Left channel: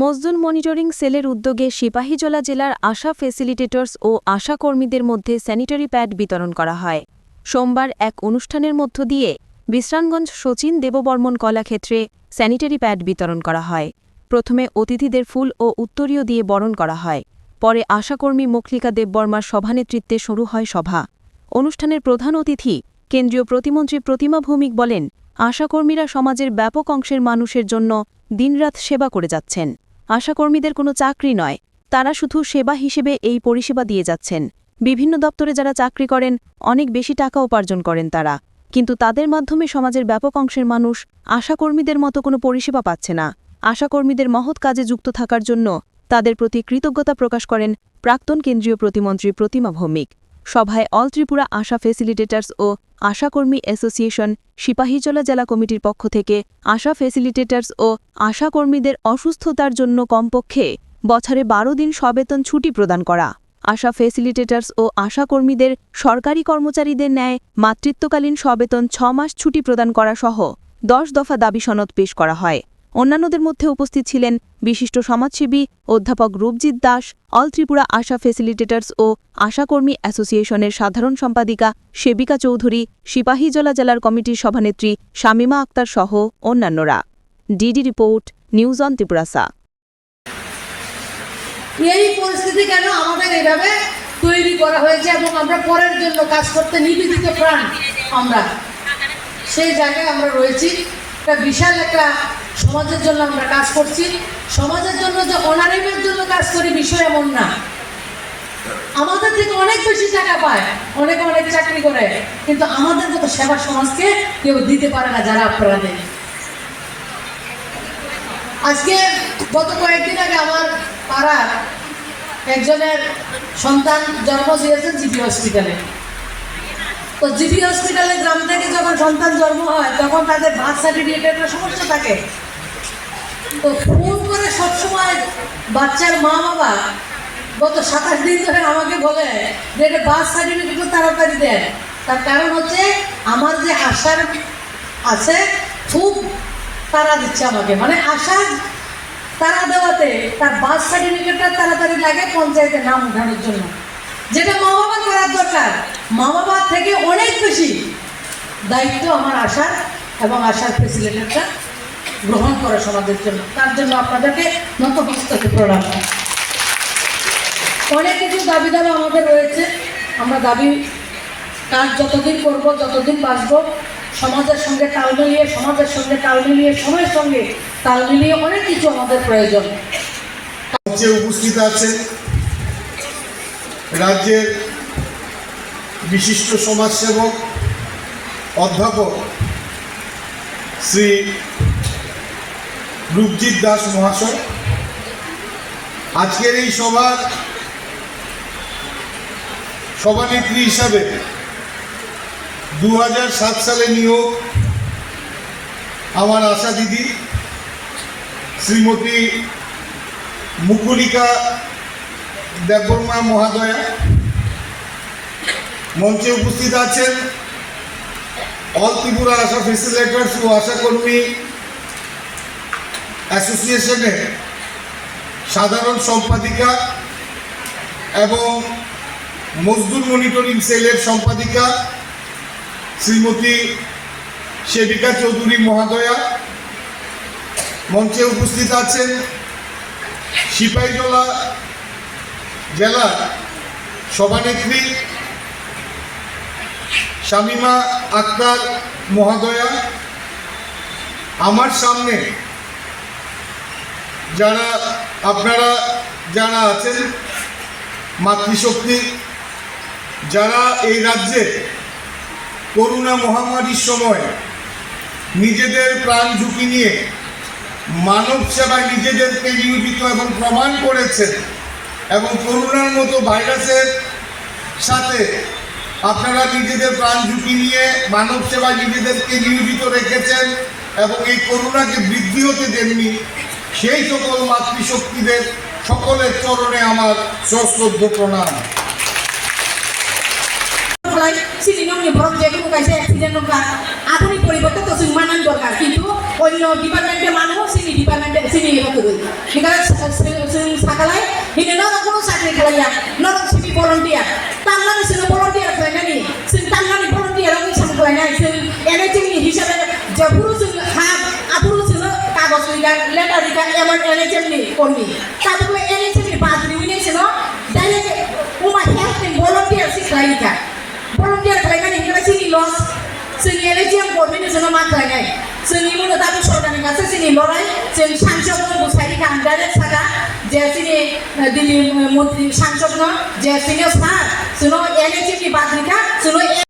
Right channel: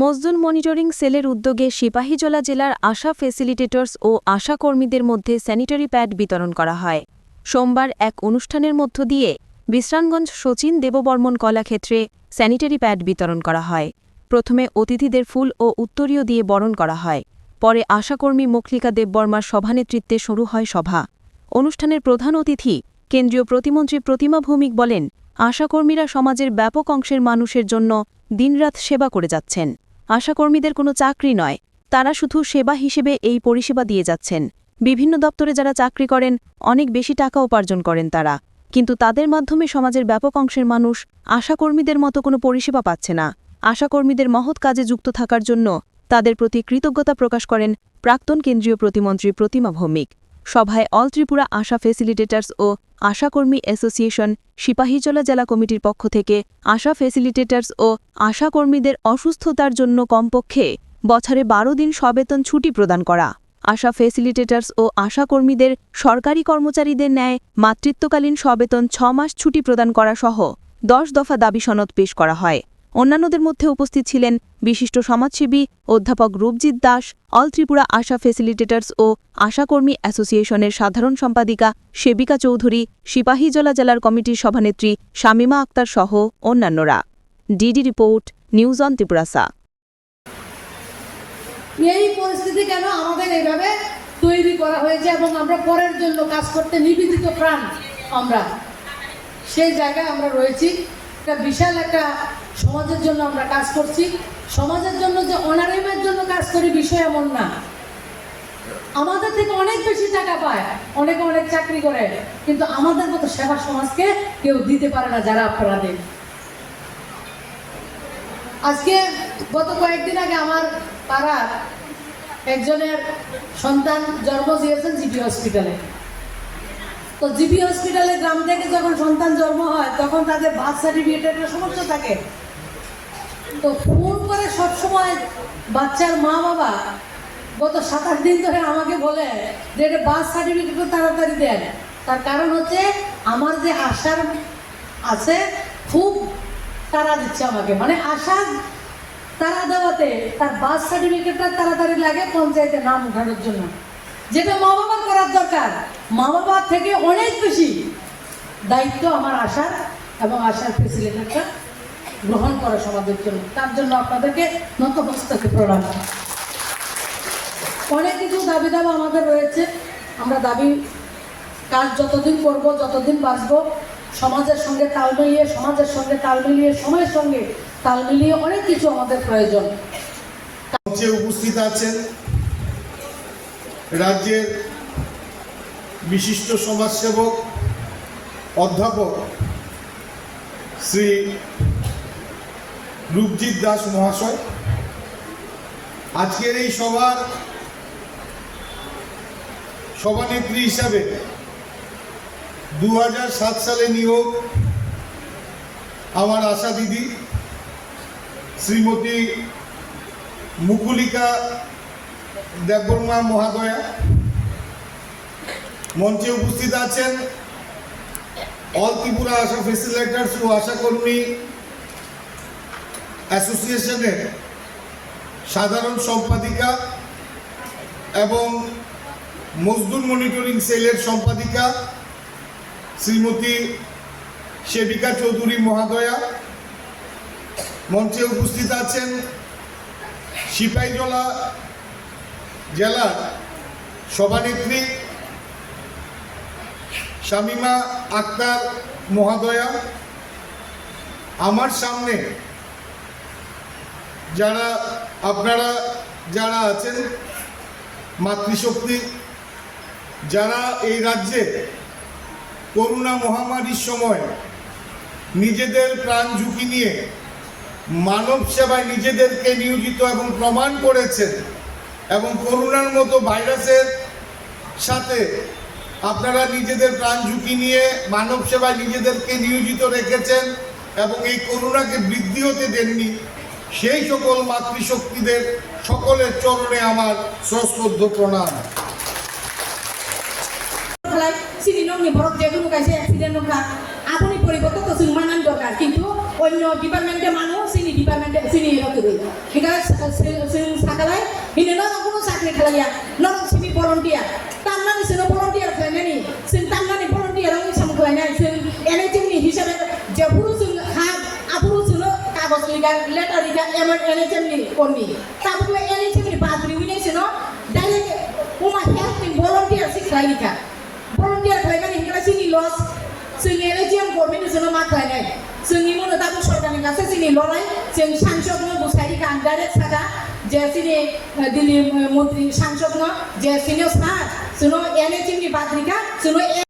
মজদুর monitoring সেলের উদ্যোগে সিপাহীজলা জেলার আশা ফেসিলিটেটর্স ও আশা কর্মীদের মধ্যে স্যানিটারি প্যাড বিতরণ করা হয়। সোমবার এক অনুষ্ঠানের মধ্য দিয়ে বিশ্রামগঞ্জ শচীন দেববর্মন কলাক্ষেত্রে স্যানিটারি প্যাড বিতরণ করা হয়। প্রথমে অতিথিদের ফুল ও উত্তরীয় দিয়ে বরণ করা হয়। পরে আশাকর্মী মখলিকা দেববর্মার সভানেতৃত্বে শুরু হয় সভা। অনুষ্ঠানের প্রধান অতিথি কেন্দ্রীয় প্রতিমন্ত্রী প্রতিমা ভৌমিক বলেন আশাকর্মীরা সমাজের ব্যাপক অংশের মানুষের জন্য দিনরাত সেবা করে যাচ্ছেন। আশাকর্মীদের কোনো চাকরি নয়। তারা শুধু সেবা হিসেবে এই পরিষেবা দিয়ে যাচ্ছেন। বিভিন্ন দপ্তরে যারা চাকরি করেন, অনেক বেশি টাকা উপার্জন করেন তারা। কিন্তু তাদের মাধ্যমে সমাজের ব্যাপক অংশের মানুষ আশাকর্মীদের মতো কোনো পরিষেবা পাচ্ছে না। আশাকর্মীদের মহৎ কাজে যুক্ত থাকার জন্য তাদের প্রতি কৃতজ্ঞতা প্রকাশ করেন প্রাক্তন কেন্দ্রীয় প্রতিমন্ত্রী প্রতিমা ভৌমিক। সভায় অল ত্রিপুরা আশা ফেসিলিটেটার্স ও আশাকর্মী অ্যাসোসিয়েশন সিপাহীজলা জেলা কমিটির পক্ষ থেকে আশা ফেসিলিটেটার্স ও আশাকর্মীদের অসুস্থতার জন্য কমপক্ষে বছরে বারো দিন সবেতন ছুটি প্রদান করা। আশা ফেসিলিটেটার্স ও আশাকর্মীদের সরকারি কর্মচারীদের ন্যায় মাতৃত্বকালীন সবেতন ছ মাস ছুটি প্রদান করা সহ দশ দফা দাবি সনদ পেশ করা হয়। অন্যান্যদের মধ্যে উপস্থিত ছিলেন বিশিষ্ট সমাজসেবী অধ্যাপক রূপজিৎ দাস অল ত্রিপুরা আশা ফেসিলিটেটর্স ও আশাকর্মী অ্যাসোসিয়েশনের সাধারণ সম্পাদিকা সেবিকা চৌধুরী, সিপাহীজলা জেলার কমিটির সভানেত্রী শামিমা আক্তার সহ অন্যান্যরা। ডিডি রিপোর্ট, নিউজ অন ত্রিপুরাসা এই পরিস্থিতি কেন আমাদের এভাবে তৈরি করা হয়েছে এবং আমরা পরের জন্য কাজ করতে নিবেদিত প্রাণ আমরা? সেই জায়গায় আমরা রয়েছি। একটা বিশাল একটা সমাজের জন্য আমরা কাজ করছি। সমাজের জন্য যে অনারিমের জন্য কাজ করি বিষয় এমন না। আমাদের থেকে অনেক বেশি টাকা পায়, অনেক অনেক চাকরি করে, কিন্তু আমাদের মতো সেবা সমাজকে কেউ দিতে পারে না যারা আপনারা আজকে গত কয়েকদিন আগে আমার পাড়ার একজনের সন্তান জন্ম দিয়েছেন জিপি হসপিটালে। তো জিপি হসপিটালে গ্রাম থেকে যখন সন্তান জন্ম হয়, তখন তাদের বার্থ সার্টিফিকেটের সমস্যা থাকে। তো ফোন করে সবসময় বাচ্চার মা বাবা গত সাতাশ দিন ধরে আমাকে বলে যে এটা বার্থ সার্টিফিকেট তাড়াতাড়ি দেন। তার কারণ হচ্ছে আমার যে আশার আছে, খুব তারা দিচ্ছে আমাকে। মানে আশা তারা দেওয়াতে তার বার্থ সার্টিফিকেটটা তাড়াতাড়ি লাগে পঞ্চায়েতে নাম উঠানোর জন্য। যেটা মা বাবার করার দরকার। মা বাবার থেকে অনেক বেশি দায়িত্ব আমার আশার এবং আশার ফেসিলিটিটা গ্রহণ করে সমাজের জন্য। তার জন্য আপনাদেরকে নতমস্তকে প্রণাম অনেক কিছু দাবি দাবা আমাদের রয়েছে। আমরা দাবি, কাজ যতদিন করব, যতদিন বাঁচব, সমাজের সঙ্গে তাল মিলিয়ে, সমাজের সঙ্গে তাল মিলিয়ে, সময়ের সঙ্গে তাল মিলিয়ে অনেক কিছু আমাদের প্রয়োজন। উপস্থিত আছেন, রাজ্যের বিশিষ্ট সমাজসেবক অধ্যাপক শ্রী রূপজিৎ দাস মহাশয়। আজকের এই সভার সভানেত্রী হিসাবে দু সালে নিয়োগ আমার আশা দিদি, শ্রীমতী মুকুলিকা দেববর্মা মহাদয়া মঞ্চে উপস্থিত আছেন। অল ত্রিপুরা আশা ফেসিলেটার্স ও আশাকর্মী অ্যাসোসিয়েশনের সাধারণ সম্পাদিকা এবং মজদুর মনিটরিং সেলের সম্পাদিকা শ্রীমতী সেবিকা চৌধুরী মহাদয়া। মঞ্চে উপস্থিত আছেন সিপাহীজলা জেলার সভানেত্রী শামিমা আক্তার মহাদয়া। আমার সামনে যারা আপনারা যারা আছেন, মাতৃশক্তি, যারা এই রাজ্যে করোনা মহামারীর সময় নিজেদের প্রাণ ঝুঁকি নিয়ে মানব সেবায় নিজেদেরকে নিয়োজিত এবং প্রমাণ করেছেন এবং করোনার মতো ভাইরাসের সাথে আপনারা নিজেদের প্রাণ ঝুঁকি নিয়ে মানব সেবায় নিজেদেরকে নিয়োজিত রেখেছেন এবং এই করোনাকে বৃদ্ধি হতে দেননি সেই সকল মাতৃশক্তিদের সকলের চরণে আমার সশ্রদ্ধ প্রণাম। আধুনিক পরিবর্তন তো মানান দরকার। কিন্তু অন্য ডিপার্টমেন্টের মানুষ সিনি ডিপার্টমেন্টে সিনি do anything in the bathroom. We need to know. Dahil uma help in volunteer si Clarita. Volunteer Clarita ni kaya sini loss. Sini energy ang government ni sino makalay. Sini mo na tapos sorta ni kasi sini loray. Sini sanction mo busari ka ang dalat saka. Jaya sini dili mo sanction no. Jaya sini sa. Sino energy ni bathroom ka. Sino